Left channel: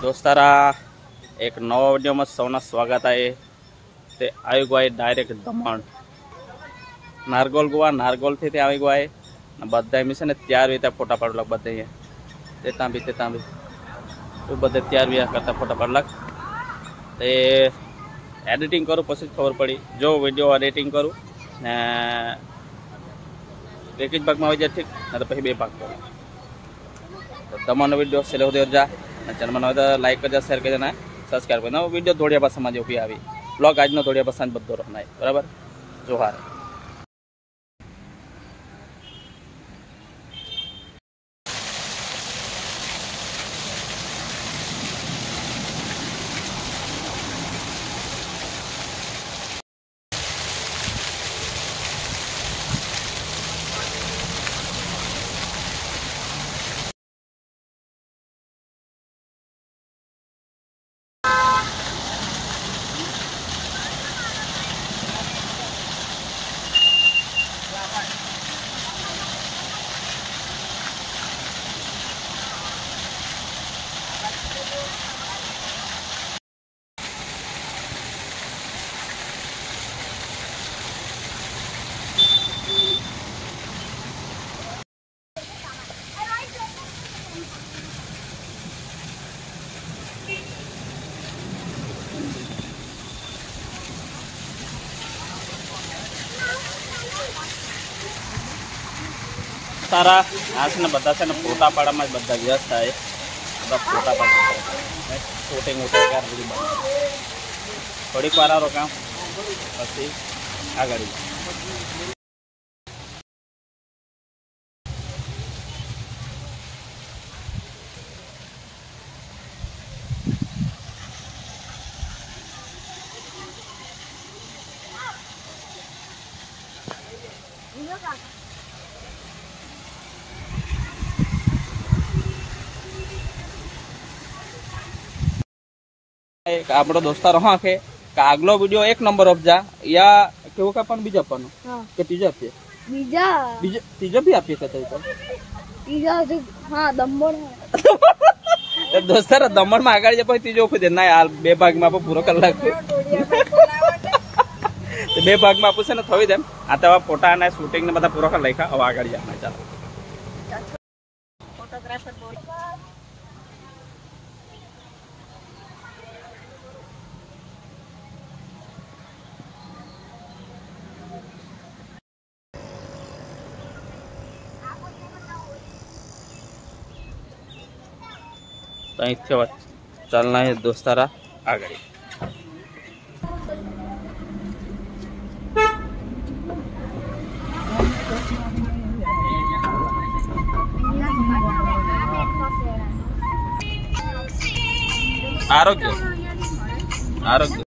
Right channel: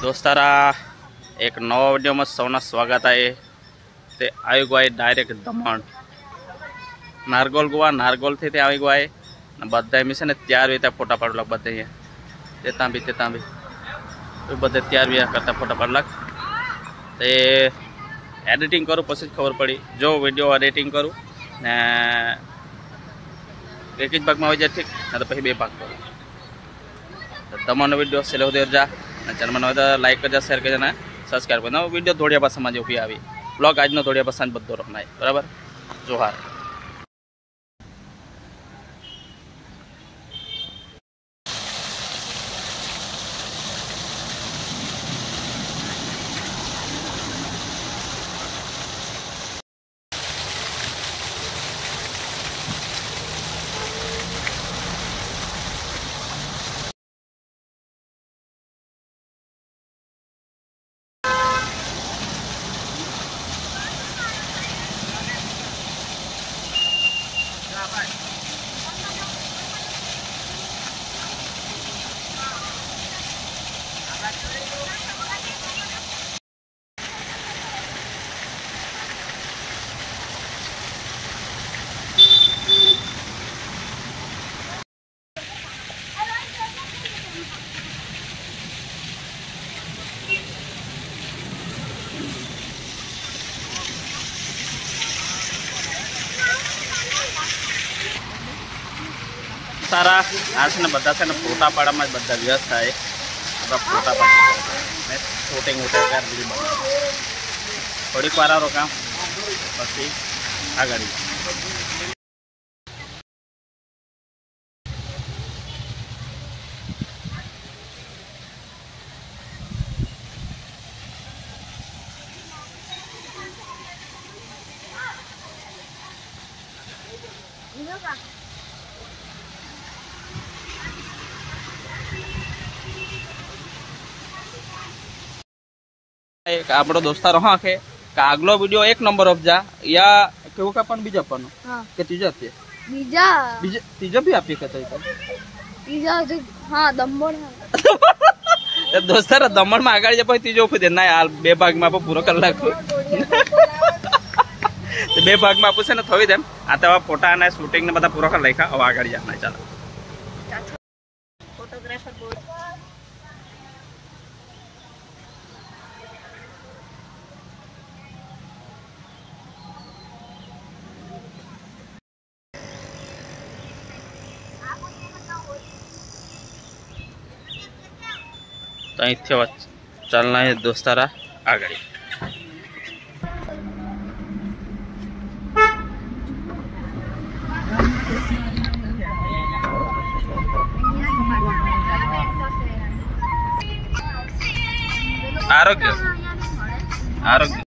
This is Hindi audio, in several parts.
दोस्तारा एक नवा विडियो में सौना स्वागत है। ते आई गए डायरेक्ट दमण नारगोल गोवा नारगोल थी आई गए बधाई मी ने तैयार हुई फोटा पाड़लक बधे तेता भी बधे तैयार हुआ करता फोटा पाड़लक ते एडिटिंग करूँ पछी खबर पड़ी जो विडियो एडिटिंग करूँ ने एक ज भाग में आई जाए ठीक ना तो पी 2 भाग करूँ। तो दमण विडियो से जा चैनल में तो लाइक करजा शेर करजा सब्सक्राइब करना विडियो धोड़िया भाषा में जो भी आई ब्लॉग आज धोड़िया भाषा में बधो रखना है बराबर। जोहार। सारा आज ने बदा से फोटा पाड़ा में बदा व्यस्त है बदा फोटा पाड़ा शूटिंग उठे कर थोड़ी पारा रोका पी आगे आपड़ो दोस्तार हाँ के आगलो वीडियो 1 नंबर ऑफ जा या केवो का पण बीजा पण हां के तीजा आपे बीजा तीजा भी आपे कहता है तीजा जो हां दमण है दोस्तार दमण में आगळ जे पई तीजो उफे देना हाल 2 भाग में आप पूरो कर लाखो तो 2 भाग में आपू से ने थई देम आता फोटा ने शूटिंग ने बता पूरो कर लाखा अब आगळ जाना चलो फोटोग्राफर बोल तो चलना है दोस्तारा आगे। आरोग्य आरोग्य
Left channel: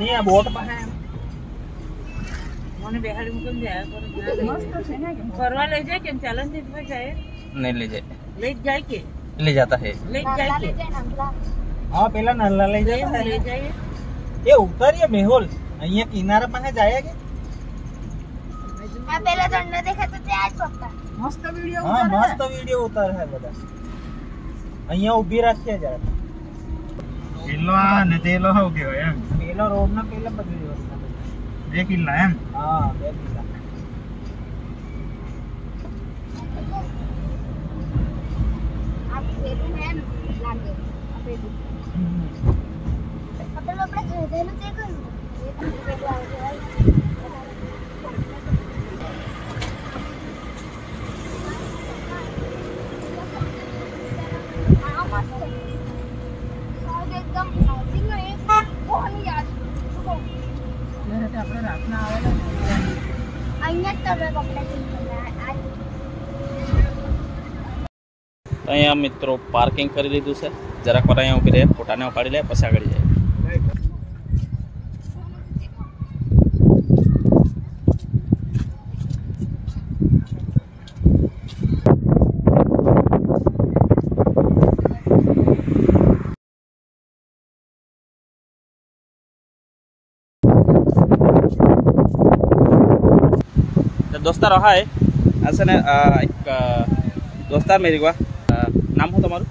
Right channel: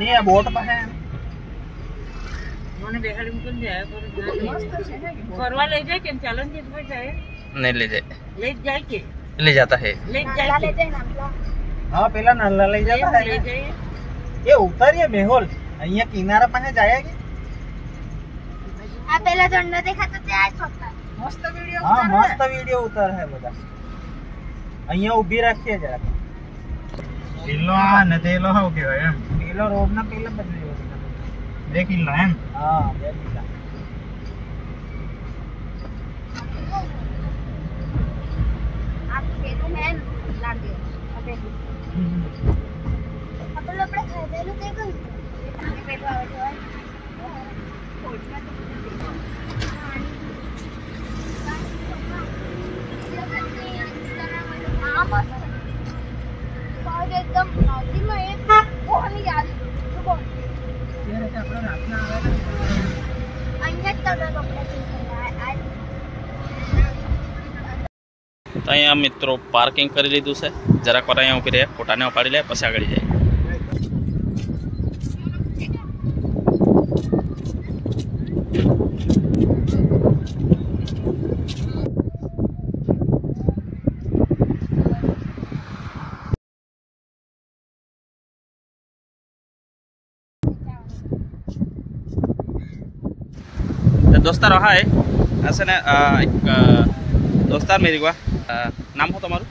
नहीं बोट पर है माने बेहाली मुकन जाए करवा ले जाए के चैलेंज पे जाए नहीं ले जाए के ले जाता है ले जाए हां पहला नल्ला ले जाता है ये उतरिए मेहुल अहिया किनारा पे जाए के आ पहला झंडा देखा तो ते आज फक्त मस्त वीडियो हां मस्त वीडियो उतर है बड़ा अहिया उभी रखिए जरा किलो आ ने तेलो हो गयो एम पेलो रोड ना पेला बदली होती 2 किलो एम हां 2 किलो आप पेलो है लागे अबे अपन अपने खरीदेलो ते कोई ये पेलो आवे एकदम नदी में एक कोण याद रुको ये रहते अपने रातना आवेला અહીંયા તને કપડા ચીંધ્યા तो अँ मित्रों पार्किंग कर लीधु से जरा पर अँ उभी रहे फोटा ने पाड़ी ले पछी आगे जाए। दोस्तार रहा है ऐसे ने एक दोस्तार मेरी को नाम हो तुम्हारू?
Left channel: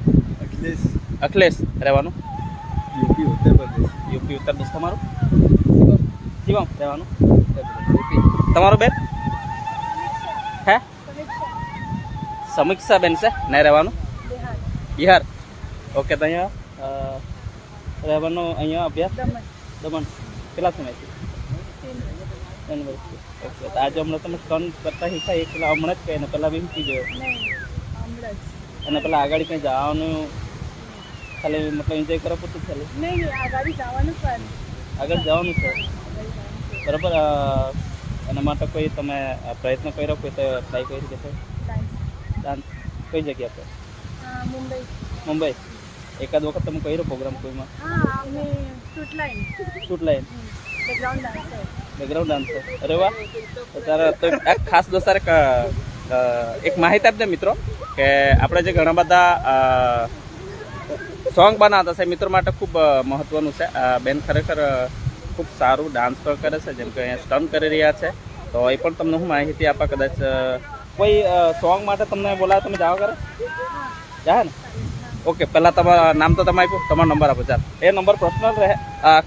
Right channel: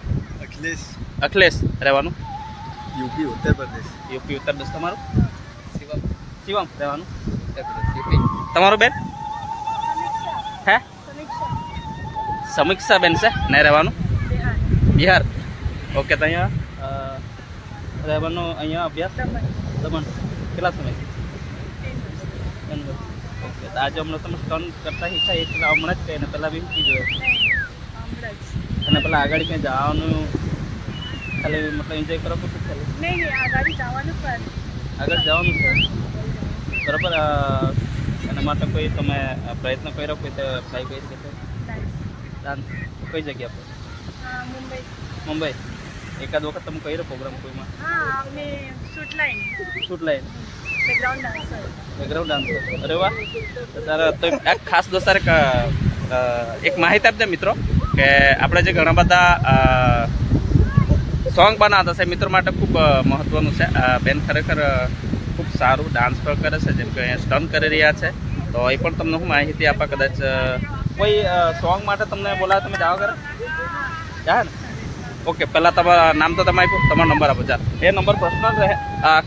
अखिलेश। अखिलेश રહેવાનું यूपी उत्तर प्रदेश। यूपी उत्तर प्रदेश। તમારું? શિવમ। શિવમ રહેવાનું उत्तर प्रदेश यूपी। તમારું બેન? હે સમીક્ષા બેન છે ને રહેવાનું બિહાર। બિહાર ઓકે। તો અહીંયા રહેવાનું અહીંયા અભ્યાસ દમણ કેટલા સમયથી? 3 વર્ષ। ઓકે। તો આજે હમણાં તમે સ્ટન કરતા શીખ્યા એટલે હમણાં જ કહીને પહેલાં બી શીખી જોયું? અને પેલા આગળ કંઈ જવાનું ખાલી मतलब एंजॉय करो पूछो चले नहीं आगाड़ी જવાનું પણ આગળ જવાનું છે બરાબર। એના માટે કોઈ તમે પ્રયત્ન કર્યો કોઈ તે ટ્રાય કરી કે છે? ડાન્સ કઈ જગ્યા પર? મુંબઈ। મુંબઈ એકાદ વખત તમે કર્યો પ્રોગ્રામ કોઈમાં? હા અમે shoot line. Shoot line background dancer. Background dancer અરે વાહ। તો તારા તો એક ખાસ દોસ્તાર એક માહિતી આપજે મિત્રો કે આપણે જે ઘણા બધા સોંગ બનાવતા છે મિત્રો માટે ખૂબ મહત્વનું છે। બેન ખરેખર ખૂબ સારું ડાન્સ પણ કરે છે જેમ કે અહીંયા સ્ટન કરી રહ્યા છે। તો એ પણ તમને હું માહિતી આપા કદાચ કોઈ સોંગ માટે તમને બોલાવે તમે જાઓ કરે જા ને? ઓકે। પહેલાં તમારા નામ તો તમે આપ્યું તમારો નંબર આપો ચાલ એ નંબર પર્સનલ રહે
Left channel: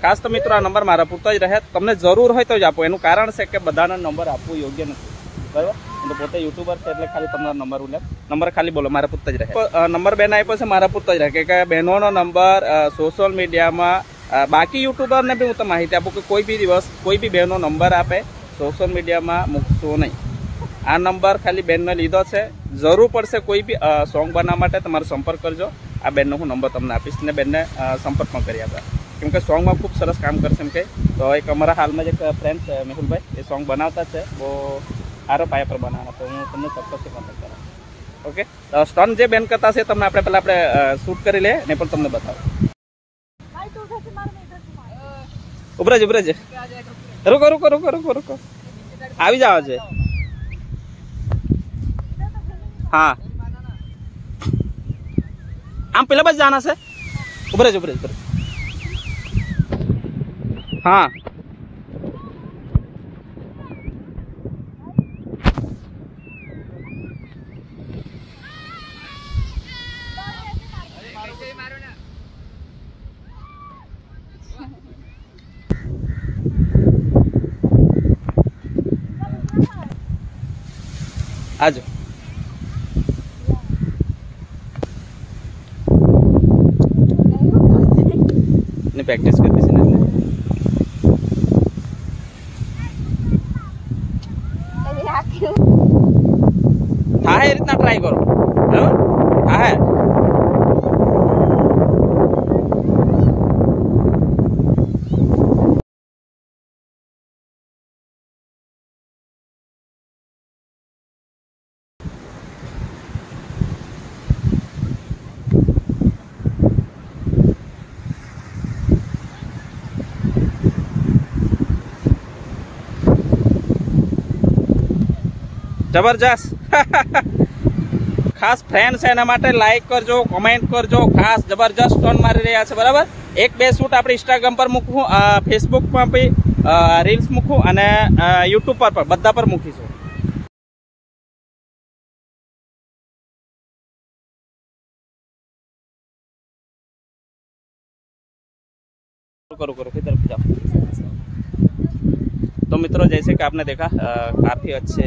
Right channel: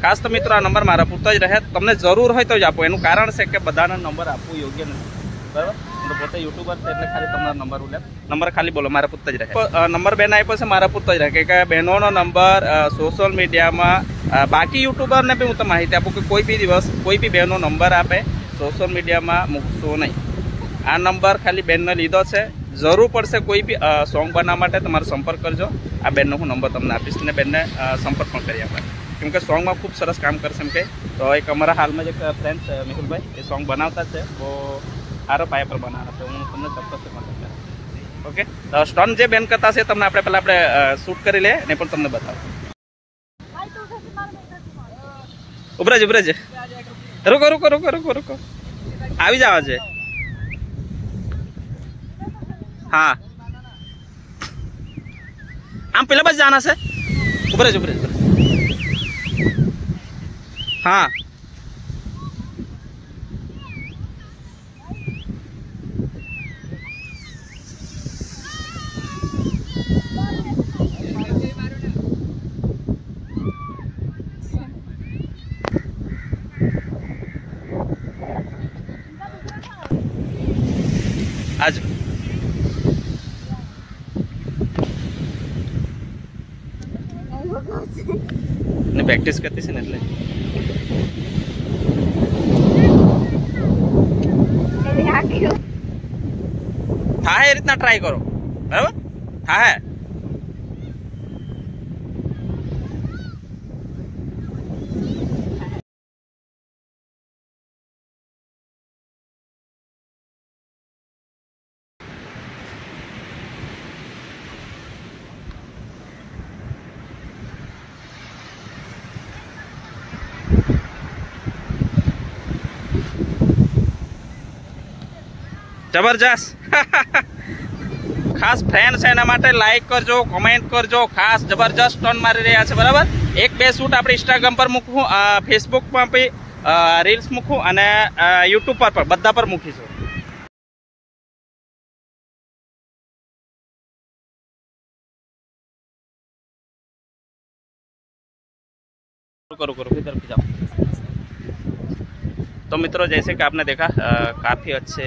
ખાસ તો મિત્રો આ નંબર મારા પૂરતો જ રહે તમને જરૂર હોય તો જ આપો એનું કારણ છે કે બધાને નંબર આપવું યોગ્ય નથી બરાબર। હું તો પોતે યુટ્યુબર છે એટલે ખાલી તમારો નંબર ઉલે નંબર ખાલી બોલો મારા પૂરતો જ રહે નંબર બેન આપ્યો છે મારા પૂરતો જ રહે કે બહેનોનો નંબર સોશિયલ મીડિયામાં બાકી યુટ્યુબરને બી હું તો માહિતી આપું કે કોઈ બી દિવસ કોઈ બી બહેનો નંબર આપે સોશિયલ મીડિયામાં મૂકશો નહીં। આ નંબર ખાલી બેનને લીધો છે જરૂર પડશે કોઈ બી સોંગ બનાવવા માટે તમારો સંપર્ક કરજો આ બેનનો હું નંબર તમને આપીશ ને બેનને સંપર્ક પણ કરી આપવા કેમ કે સોંગમાં ખૂબ સરસ કામ કરશે એમ કે તો એક અમારા હાલમાં જ એક ફ્રેન્ડ છે મેહુલભાઈ એ સોંગ બનાવતા છે બહુ સારો પાયા પર બનાવવાના તો હું તમને ચોક્કસથી કોન્ટેક્ટ કરાવું ઓકે। તો સ્ટન જે બેન કરતા છે તમને આપણે પહેલાં આપણે શૂટ કરી લે ને પણ તમને બતાવો ઉભરાજ ઉભરાજ રૂકો રૂકો રૂકો રૂકો રૂકો આવી જાવ છે हाँ आम पेला बस जाना से उभरेज उभरेज उभरेज हाँ आज प्रैक्टिस करती है એટલે था है इतना ट्राई करो बराबर था है जबरदस्त खास फ्रेंड है एना माटे लाइक करजो कमेंट करजो खास जबरदस्त टर्न मारी रह्या छे बराबर। एक बे शूट आपणे इंस्टाग्राम पर मूकूं फेसबुक पर भी रील्स मूकूं अने यूट्यूब पर बधा पर मूकीशुं। करो करो फिर तरफ जाओ। तो मित्रों जैसे कि आपने देखा काफ़ी अच्छे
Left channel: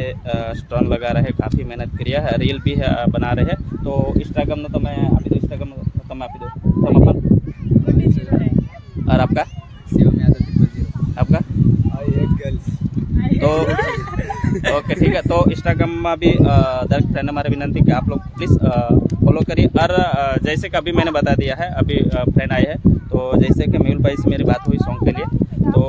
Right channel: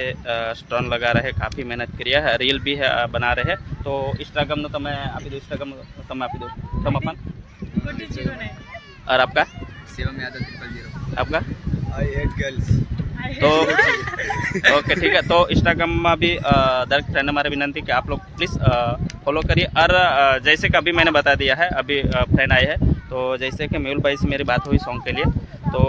स्टन लगा रहे काफ़ी मेहनत करिया है रील भी है बना रहे हैं। तो इंस्टाग्राम ने तुम्हें आपी दो इंस्टाग्राम तुम आपी दो तुम अपन और आपका शिवम यादव आपका आई हेट गर्ल्स। तो ओके ठीक है। तो इंस्टाग्राम में भी दर्शक फ्रेंड हमारे विनंती कि आप लोग प्लीज़ फॉलो करिए। और जैसे कि अभी मैंने बता दिया है अभी फ्रेंड आए हैं तो जैसे कि मेहुल भाई से मेरी बात हुई सॉन्ग के लिए तो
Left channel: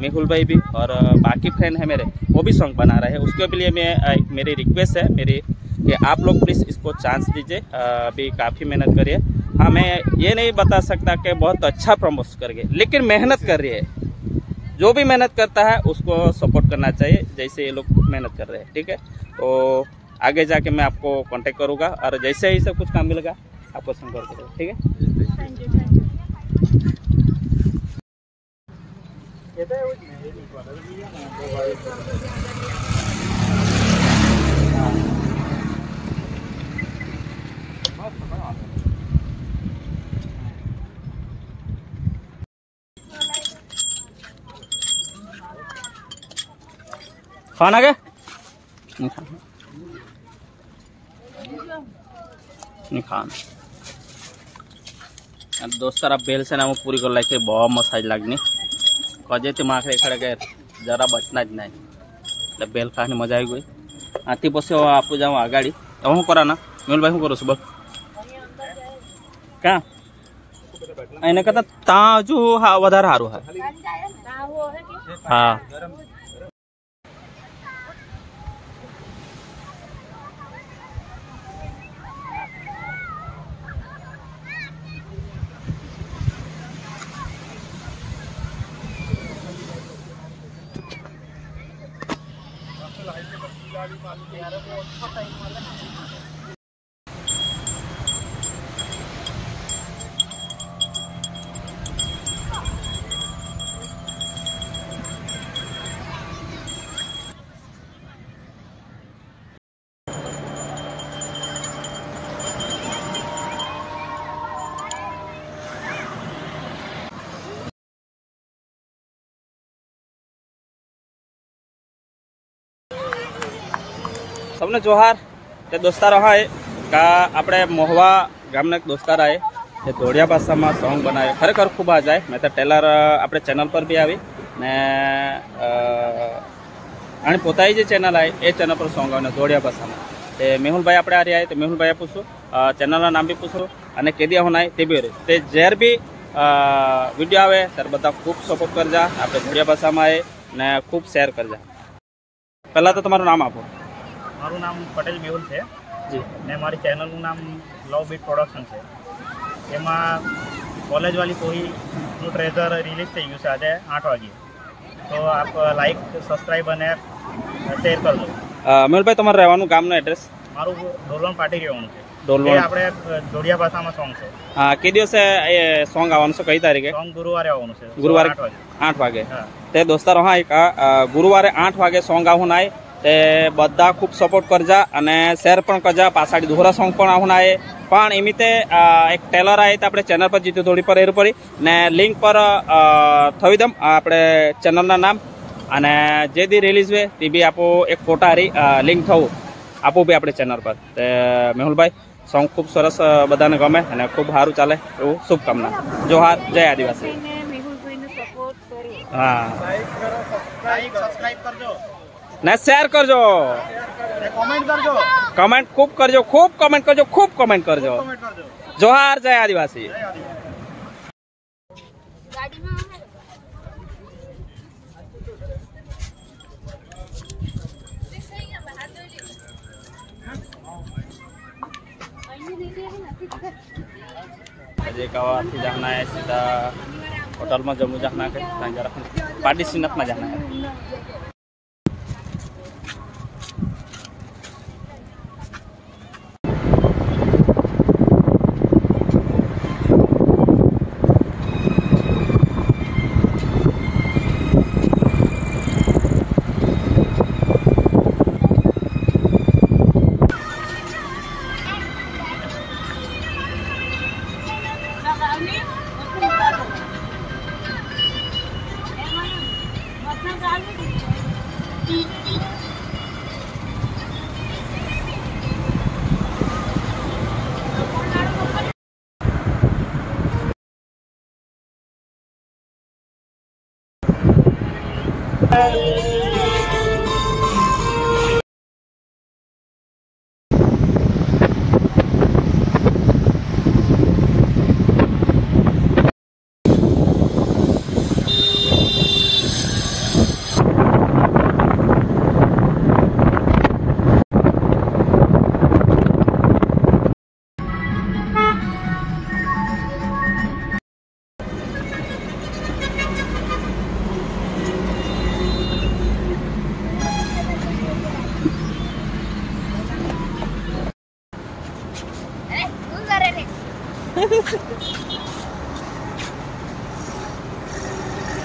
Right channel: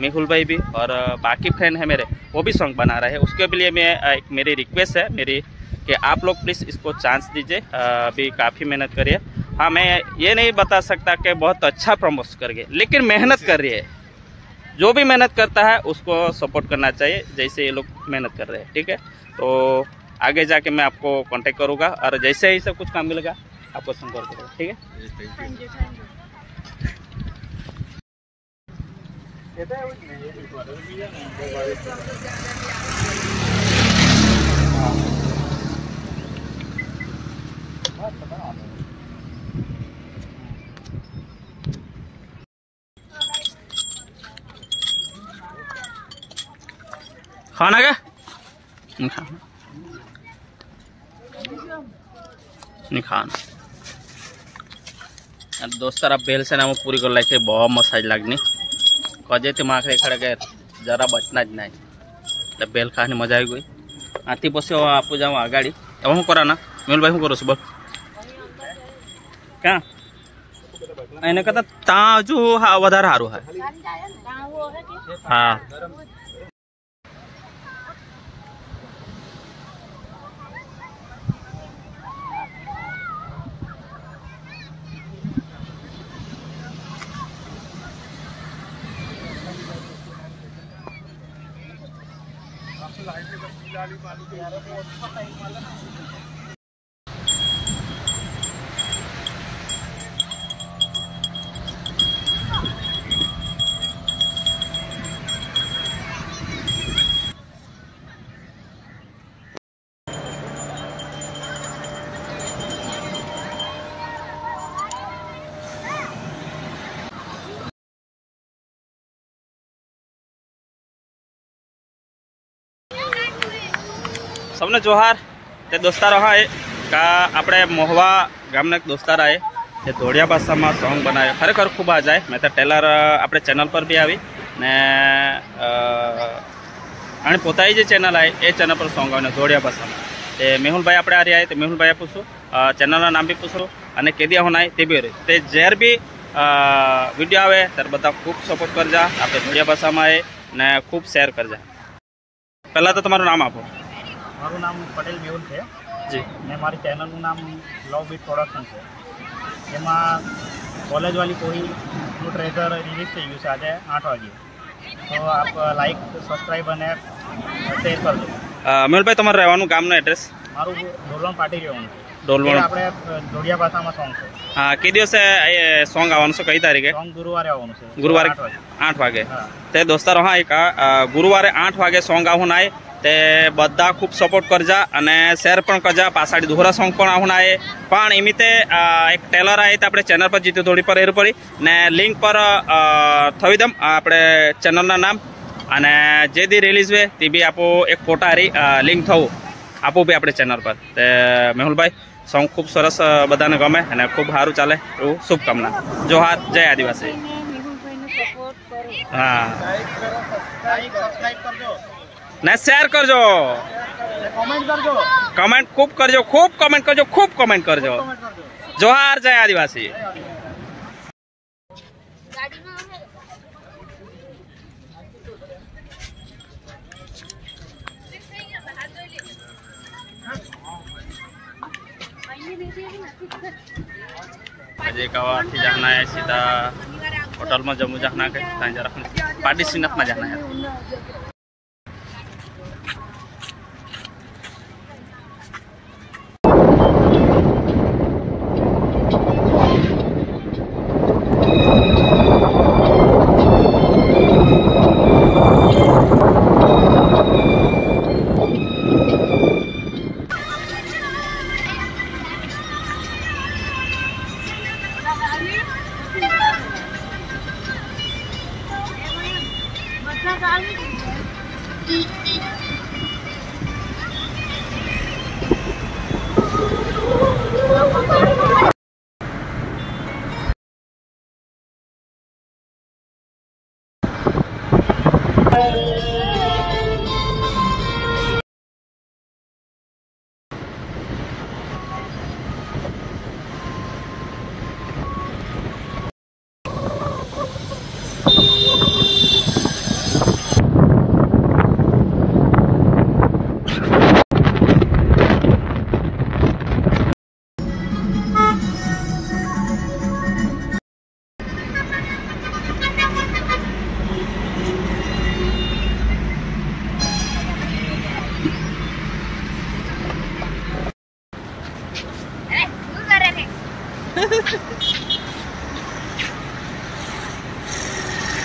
मेहुल भाई भी और बाकी फ्रेंड है मेरे वो भी सॉन्ग बना रहे हैं। उसके लिए मैं एक मेरी रिक्वेस्ट है मेरी कि आप लोग प्लीज़ इसको चांस दीजिए। अभी काफ़ी मेहनत करिए। हाँ मैं ये नहीं बता सकता कि बहुत अच्छा प्रमोट करिए लेकिन मेहनत कर रही है जो भी मेहनत करता है उसको सपोर्ट करना चाहिए जैसे ये लोग मेहनत कर रहे हैं ठीक है। तो आगे जाके मैं आपको कांटेक्ट करूँगा और जैसे ही सब कुछ काम मिलेगा आपको संपर्क करूँगा ठीक है। Thank you thank you. खाना क्या नहीं खाना दोस्तारा बेल से ना पूरी कर लाइक बहुत मसाज लगनी कजे थे माखरे खड़े गए जरा बचना ज नहीं बेल खाने मजा आई गई आती पसे आप जाओ आगाड़ी अब हूँ करा ना मेल भाई हूँ करो सुबह क्या एने कहता ताजू हाँ वधार हारू है हाँ सबने जोहार ते दोस्तारो हाँ का अपने मोहवा गामना दोस्तार आए ये धोड़िया भाषा में सॉन्ग बनाए खरेखर खूब आ जाए मैं तो टेलर अपने चैनल पर भी आई ने आणि पोताई जे चैनल है ये चैनल पर सॉन्ग आने धोड़िया भाषा में ते मेहुल भाई अपने आ रही है तो मेहुल भाई पूछो चैनल नाम भी पूछो अने केदिया होना है ते भी ते जेर भी वीडियो आवे तर बता खूब सपोर्ट कर जा अपने धोड़िया भाषा में आए ने खूब शेर कर जा। पहला तो तुम्हारा नाम आपो। मारू नाम पटेल मेहुल है जी ने मारी चैनल नु नाम लव बीट प्रोडक्शन है एमा कॉलेज वाली कोई नु ट्रेजर रिलीज થઈ ગયું છે આજે 8 વાગે તો આપ લાઈક સબસ્ક્રાઇબ અને શેર કરજો। મેહુલભાઈ તમારું રહેવાનું ગામનું એડ્રેસ? મારું ડોલવણ પાટી રહેવાનું છે ડોલવણ આપણે જોડિયા ભાષામાં સોંગ છે। હા કે દિવસે એ સોંગ આવવાનું છે કઈ તારીખે? સોંગ ગુરુવારે આવવાનું છે ગુરુવારે 8 વાગે તે દોસ્તારો હા એક ગુરુવારે 8 વાગે સોંગ આવવાનું આય ते बदा खूब सपोर्ट करजा अने शेर पण करजा पासाड़ी दोहरा सॉन्ग पण आहुन आए पण एमिते एक टेलर आए तो अपने चैनल पर जीते थोड़ी पर पड़ी ने लिंक पर थवी दम अपने चैनल ना नाम अने जे दी रिलीज हुए ती भी आपो एक फोटा हारी लिंक थवू आपो भी अपने चैनल पर ते मेहुल भाई सॉन्ग खूब सरस बधाने गमे अने खूब सारू चाले एवं शुभकामना। जोहार, जय आदिवासी। हाँ सब्सक्राइब करजो ने शेर करजो कमेंट खूब करजो खूब कमेंट करजो। जोहार, जय आदिवासी। अजय कवा थी जाना है सीधा होटल में जम्मू जाना है जरा पार्टी सिनप में जाना है।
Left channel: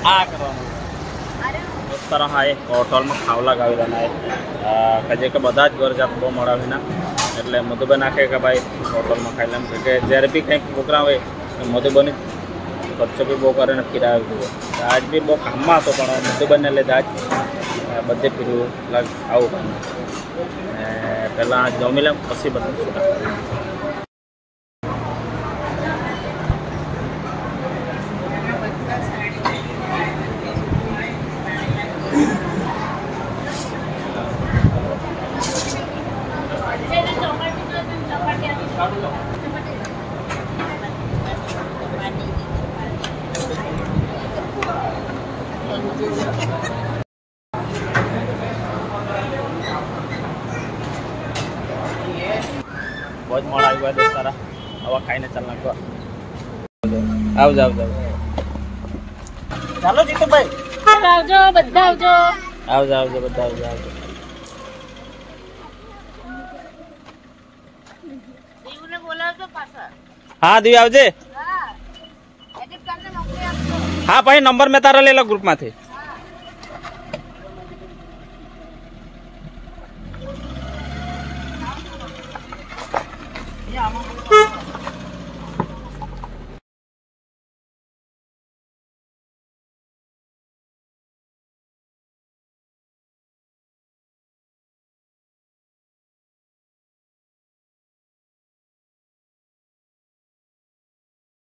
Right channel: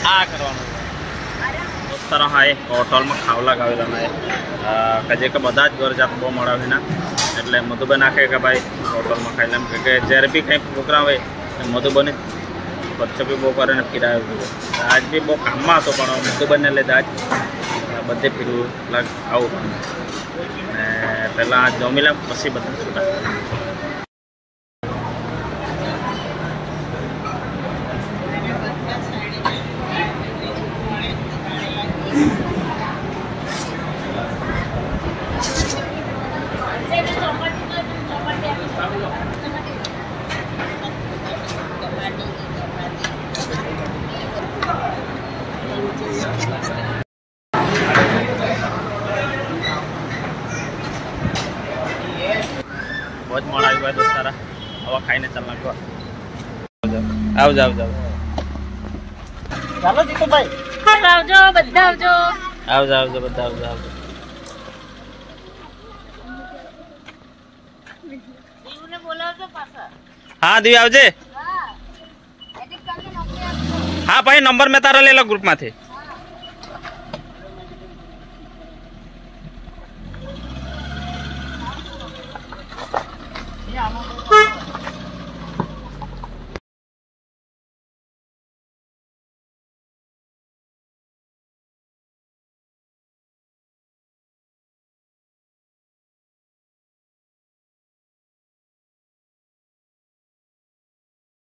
आ करवानो दोस्तारा हाँ एक होटल में खावला गावेला है कजे के बदा ज घर जात बहुत मड़ा ना एटले मधुबन आखे के भाई होटल में खाई लेम के जયારે भी कहीं प्रोग्राम हो मधुबनी खर्च भी बहुत करे फिरावे आज भी बहुत काम में तो मधुबन ने लीधे आज બધે ફીરું લાગ આવું ને પહેલાં જમી લે પછી બધું છૂટા बहुत मोड़ आ गया दोस्तारा हवा खाई ने चलना को आओ जाओ जाओ ચાલો જીતુભાઈ આવજો બધા આવજો आओ जाओ जाओ બધા आओ जाओ દીવને બોલાવજો પાછા हाँ दिव्य आवजे હા એડિટ કરીને મોકલી આપજો हाँ भाई नंबर में तारा ले लो ग्रुप में थे એ આમાં